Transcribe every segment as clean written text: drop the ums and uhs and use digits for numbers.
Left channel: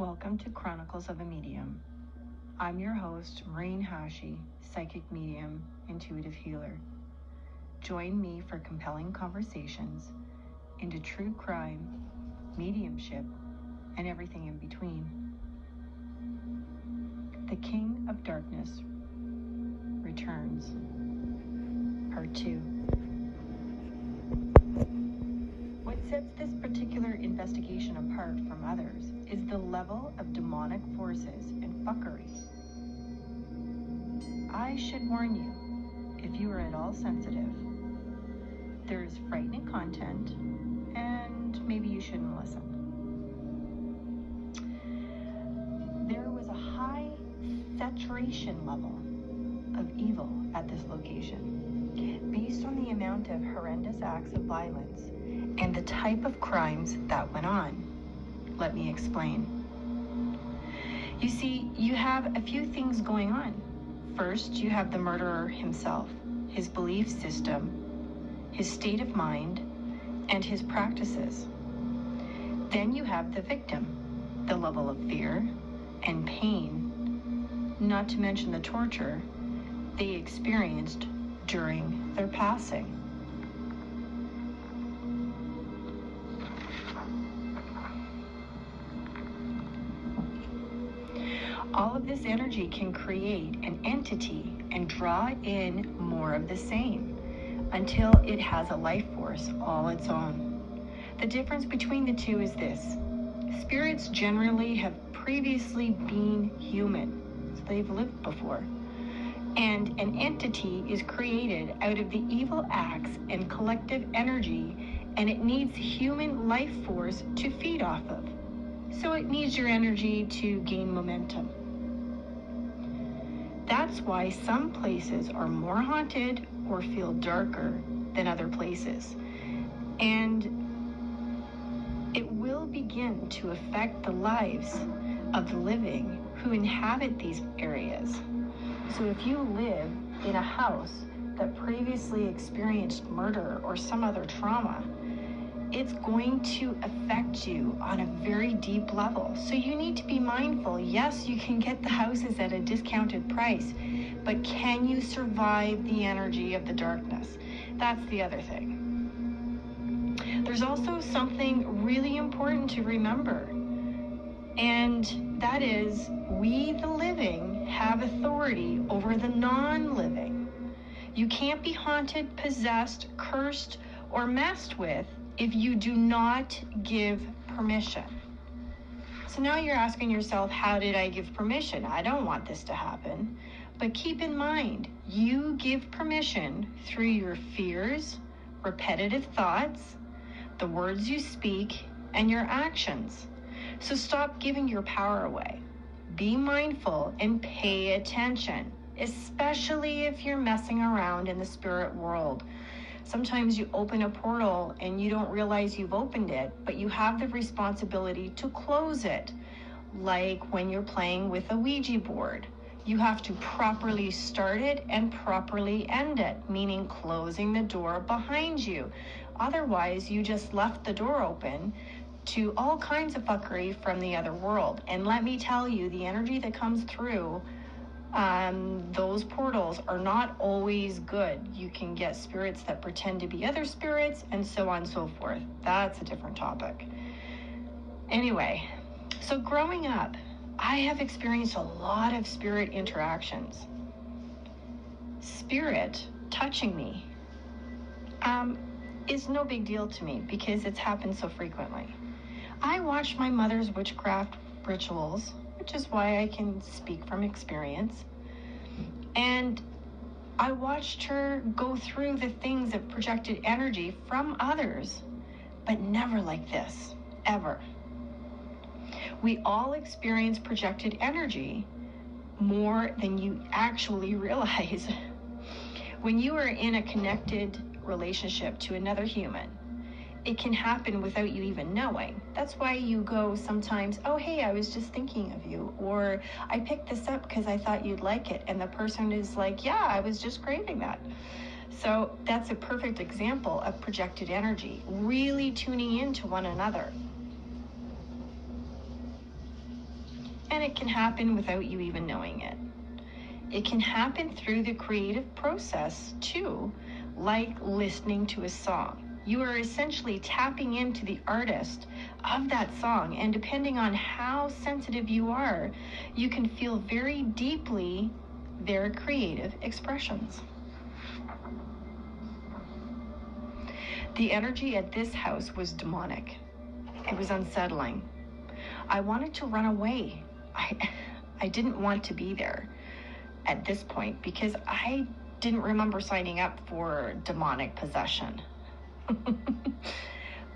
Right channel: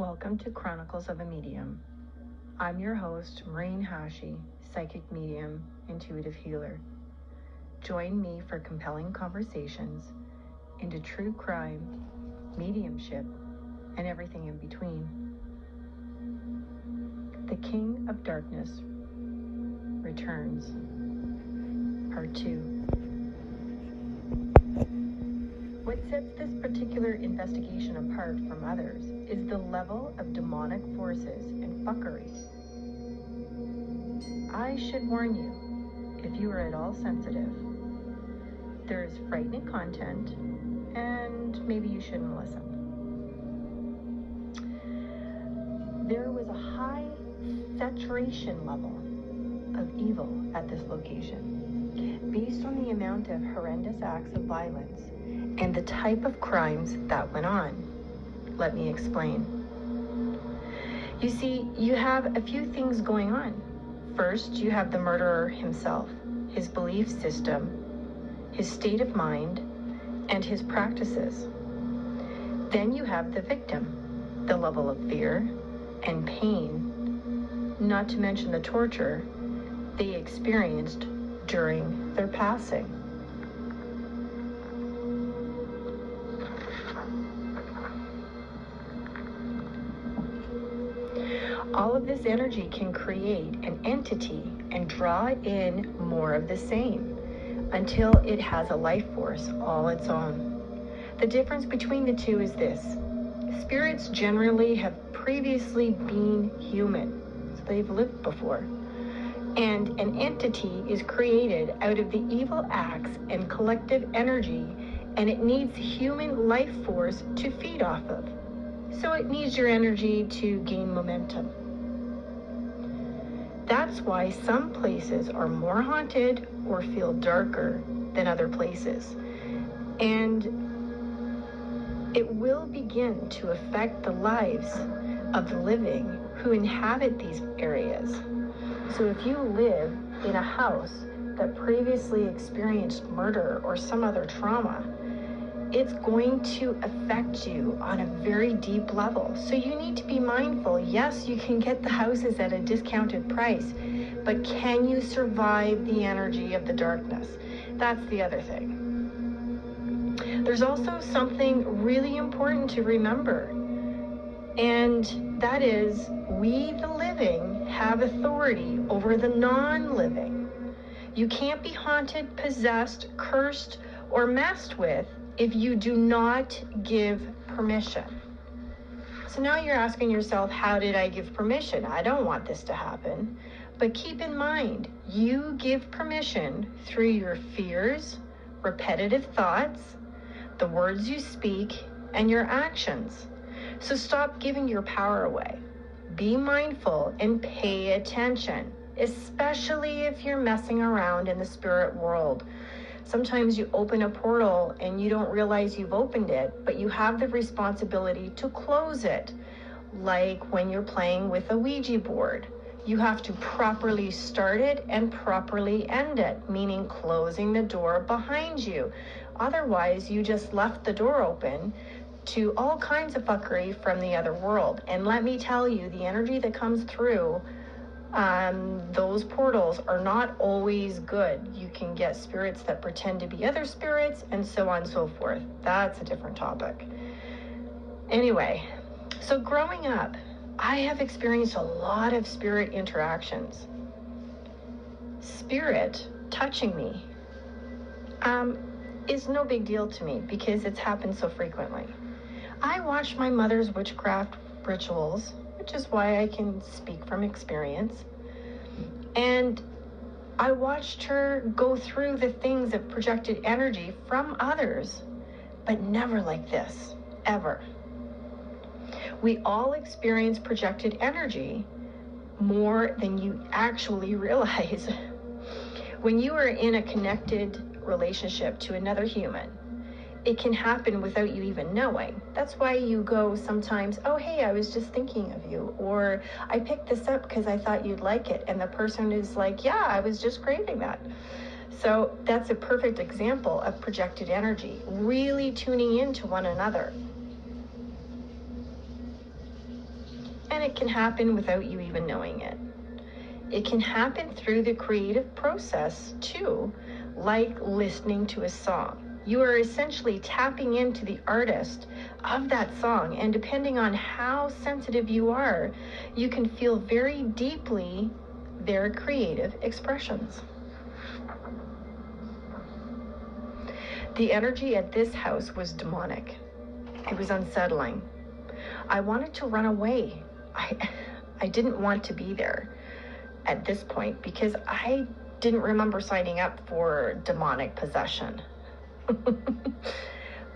Welcome to Chronicles of a Medium. I'm your host, Maryne Hachey Psychic Medium, Intuitive Healer. Join me for compelling conversations into true crime, mediumship, and everything in between. The King of Darkness returns. Part 2. What sets this particular investigation apart from others is the level of demonic forces and fuckery. I should warn you, if you are at all sensitive, there is frightening content, and maybe you shouldn't listen. There was a high saturation level of evil at this location, based on the amount of horrendous acts of violence and the type of crimes that went on. Let me explain. You see, you have a few things going on. First, you have the murderer himself, his belief system, his state of mind, and his practices. Then you have the victim, the level of fear and pain, not to mention the torture they experienced during their passing. All of this energy can create an entity and draw in more of the same until it has a life force all its own. The difference between the two is this. Spirits generally have previously been human, so they've lived before. And an entity is created out of the evil acts and collective energy, and it needs human life force to feed off of. So it needs your energy to gain momentum. That's why some places are more haunted or feel darker than other places. And it will begin to affect the lives of the living who inhabit these areas. So if you live in a house that previously experienced murder or some other trauma, it's going to affect you on a very deep level. So you need to be mindful. Yes, you can get the houses at a discounted price, but can you survive the energy of the darkness? That's the other thing. There's also something really important to remember, and that is we, the living, have authority over the non-living. You can't be haunted, possessed, cursed, or messed with if you do not give permission. So now you're asking yourself, how did I give permission? I don't want this to happen. But keep in mind, you give permission through your fears, repetitive thoughts, the words you speak, and your actions. So stop giving your power away. Be mindful and pay attention, especially if you're messing around in the spirit world. Sometimes you open a portal and you don't realize you've opened it, but you have the responsibility to close it. Like when you're playing with a Ouija board, you have to properly start it and properly end it, meaning closing the door behind you. Otherwise, you just left the door open to all kinds of fuckery from the other world. And let me tell you, the energy that comes through those portals are not always good. You can get spirits that pretend to be other spirits and so on and so forth. That's a different topic. Anyway, so growing up, I have experienced a lot of spirit interactions. Spirit touching me is no big deal to me because it's happened so frequently. I watched my mother's witchcraft rituals, which is why I can speak from experience. And I watched her go through the things of projected energy from others, but never like this, ever. We all experience projected energy more than you actually realize. When you are in a connected relationship to another human, it can happen without you even knowing. That's why you go sometimes, oh, hey, I was just thinking of you, or I picked this up because I thought you'd like it. And the person is like, yeah, I was just craving that. So that's a perfect example of projected energy, really tuning into one another. And it can happen without you even knowing it. It can happen through the creative process too, like listening to a song. You are essentially tapping into the artist of that song, and depending on how sensitive you are, you can feel very deeply their creative expressions. The energy at this house was demonic. It was unsettling. I wanted to run away. I didn't want to be there at this point because I didn't remember signing up for demonic possession.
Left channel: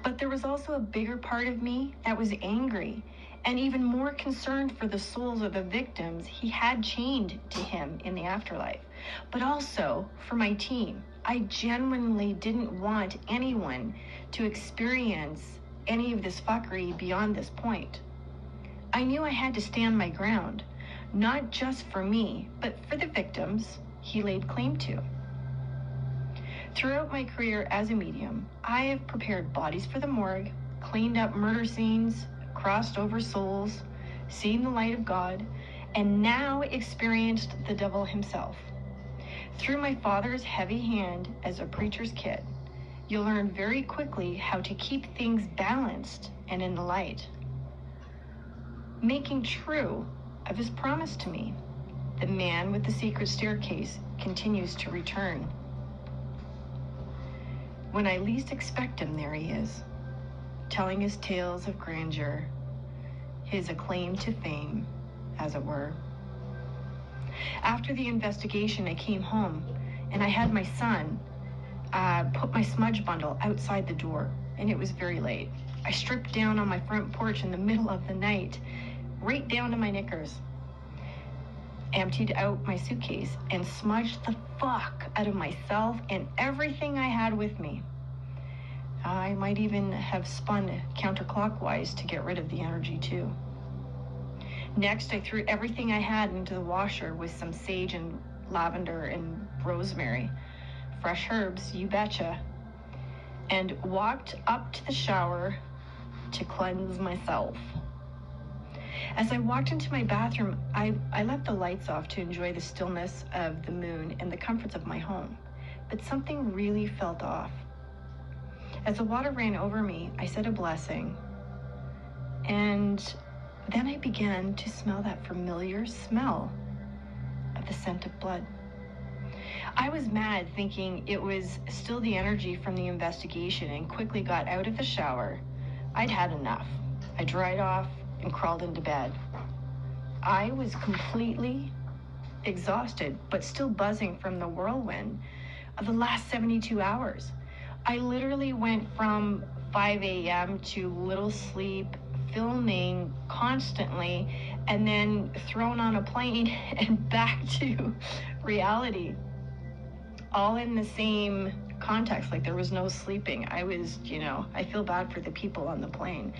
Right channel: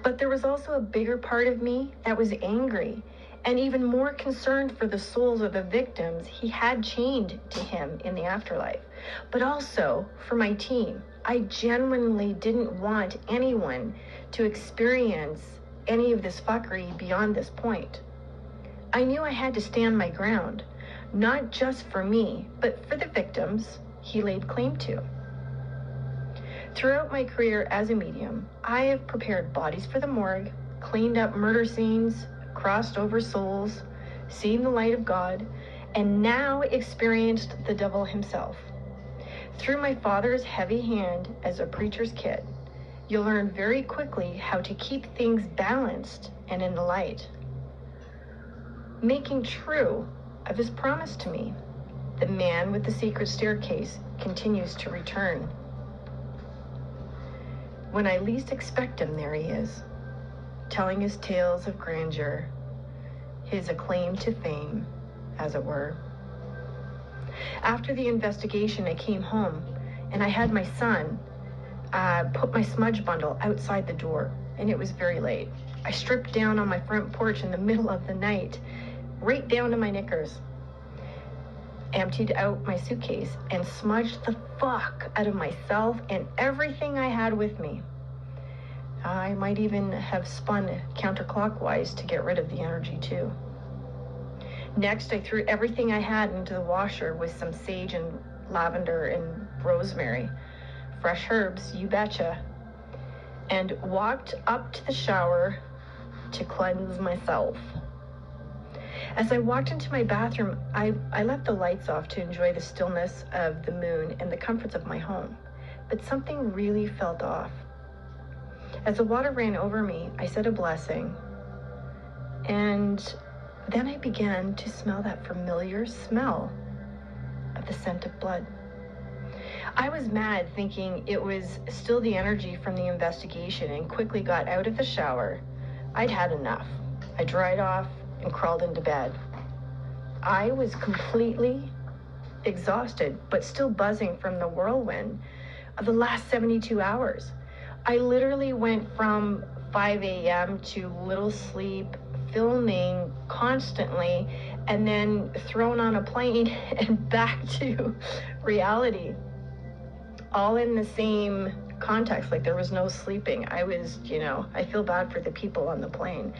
But there was also a bigger part of me that was angry and even more concerned for the souls of the victims he had chained to him in the afterlife, but also for my team. I genuinely didn't want anyone to experience any of this fuckery beyond this point. I knew I had to stand my ground, not just for me, but for the victims he laid claim to. Throughout my career as a medium, I have prepared bodies for the morgue, cleaned up murder scenes, crossed over souls, seen the light of God, and now experienced the devil himself. Through my father's heavy hand as a preacher's kid, you'll learn very quickly how to keep things balanced and in the light, making true of his promise to me. The man with the secret staircase continues to return. When I least expect him, there he is, telling his tales of grandeur, his acclaim to fame, as it were. After the investigation, I came home and I had my son put my smudge bundle outside the door, and it was very late. I stripped down on my front porch in the middle of the night, right down to my knickers, emptied out my suitcase, and smudged the fuck out of myself and everything I had with me. I might even have spun counterclockwise to get rid of the energy too. Next, I threw everything I had into the washer with some sage and lavender and rosemary, fresh herbs, you betcha, and walked up to the shower to cleanse myself. As I walked into my bathroom, I left the lights off to enjoy the stillness of the moon and the comforts of my home, but something really felt off. As the water ran over me, I said a blessing, and then I began to smell that familiar smell of the scent of blood. I was mad, thinking it was still the energy from the investigation, and quickly got out of the shower. I'd had enough. I dried off and crawled into bed. I was completely exhausted, but still buzzing from the whirlwind of the last 72 hours. I literally went from 5 a.m. to little sleep, filming constantly, and then thrown on a plane and back to reality, all in the same context. Like, there was no sleeping. I was, I feel bad for the people on the plane.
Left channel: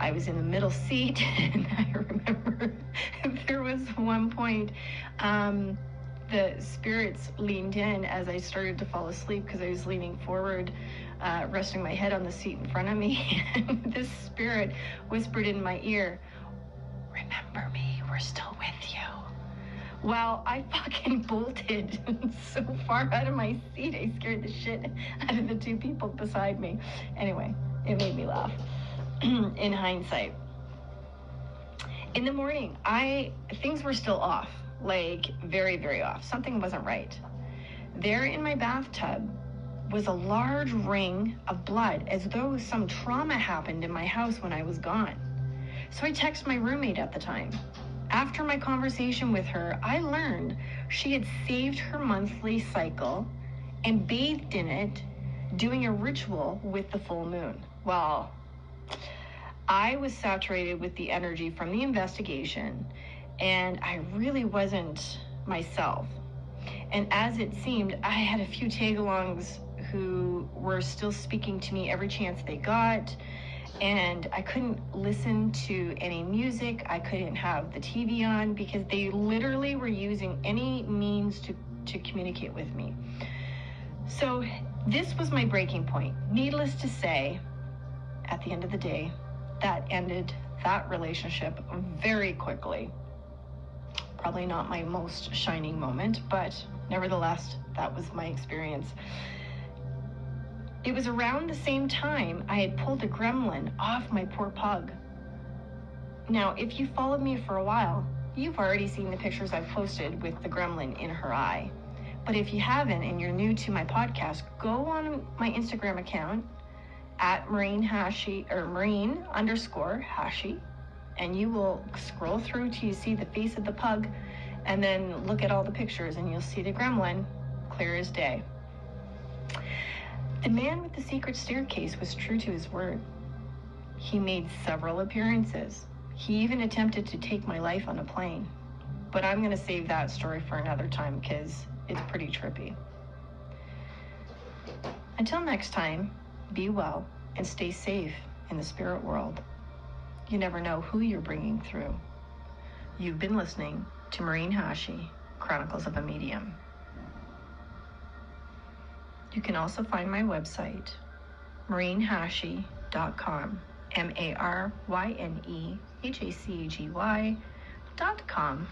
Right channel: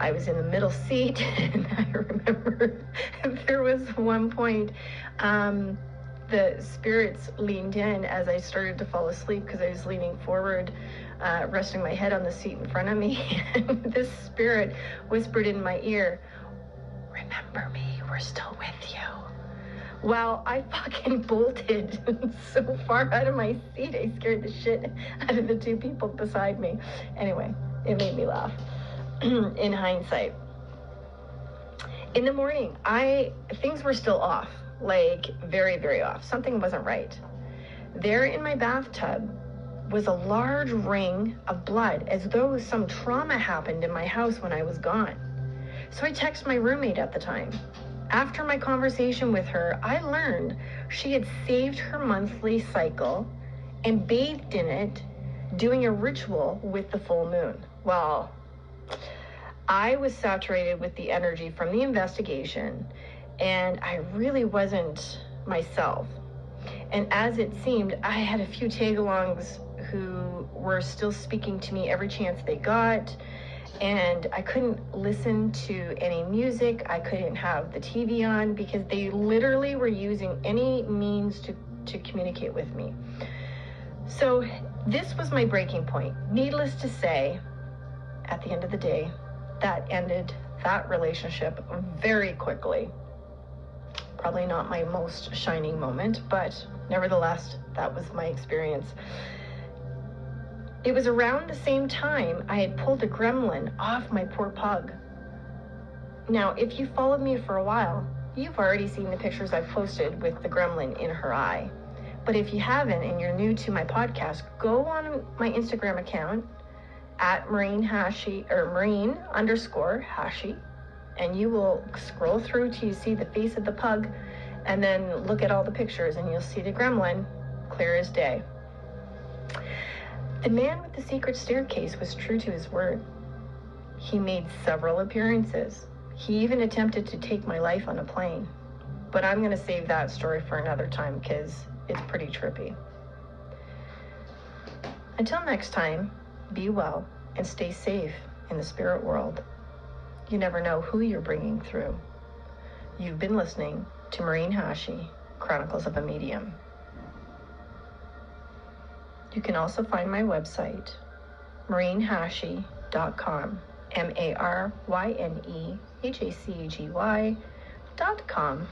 I was in the middle seat, and I remember there was one point, the spirits leaned in as I started to fall asleep because I was leaning forward, resting my head on the seat in front of me, and this spirit whispered in my ear, "Remember me, we're still with you." Well, I fucking bolted so far out of my seat, I scared the shit out of the two people beside me. Anyway, it made me laugh. In hindsight. In the morning, things were still off, like very, very off. Something wasn't right. There in my bathtub was a large ring of blood, as though some trauma happened in my house when I was gone. So I texted my roommate at the time. After my conversation with her, I learned she had saved her monthly cycle and bathed in it, doing a ritual with the full moon. Well, I was saturated with the energy from the investigation, and I really wasn't myself. And as it seemed, I had a few tag-alongs who were still speaking to me every chance they got, and I couldn't listen to any music. I couldn't have the TV on because they literally were using any means to communicate with me. So this was my breaking point. Needless to say, at the end of the day, that ended that relationship very quickly. Probably not my most shining moment, but nevertheless, that was my experience. It was around the same time I had pulled a gremlin off my poor pug. Now, if you followed me for a while, you've already seen the pictures I've posted with the gremlin in her eye. But if you haven't and you're new to my podcast, go on my Instagram account at Maryne Hachey, or Maryne_Hachey, and you will scroll through till you see the face of the pug, and then look at all the pictures and you'll see the gremlin clear as day. The man with the secret staircase was true to his word. He made several appearances. He even attempted to take my life on a plane. But I'm going to save that story for another time because it's pretty trippy. Until next time, be well and stay safe in the spirit world. You never know who you're bringing through. You've been listening to Maryne Hachey, Chronicles of a Medium. You can also find my website, MaryneHachey.com, MaryneHacey.com.